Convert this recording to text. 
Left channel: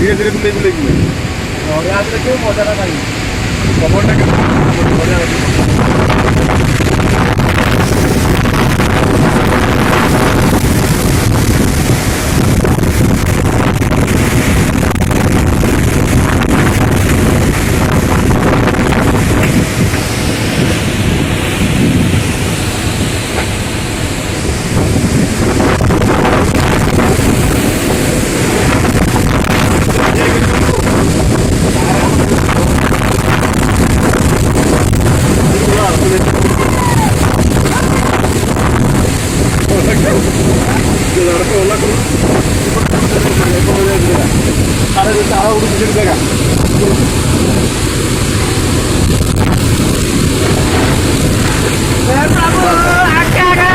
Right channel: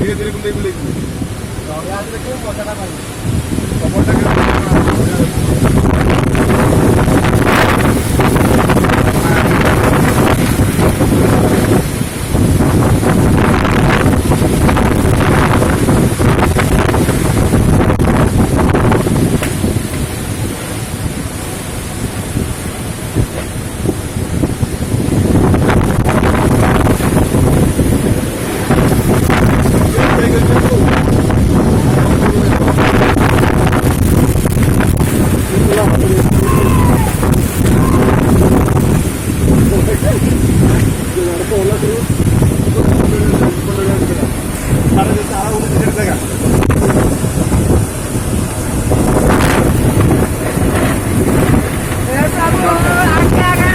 ধীরে ধীরে বুলে বুলে গেলে ঘরে আসলে কেউ মজাটা পাই খবরটা কেউ ঘরে আসলে प्रभु आज्ञा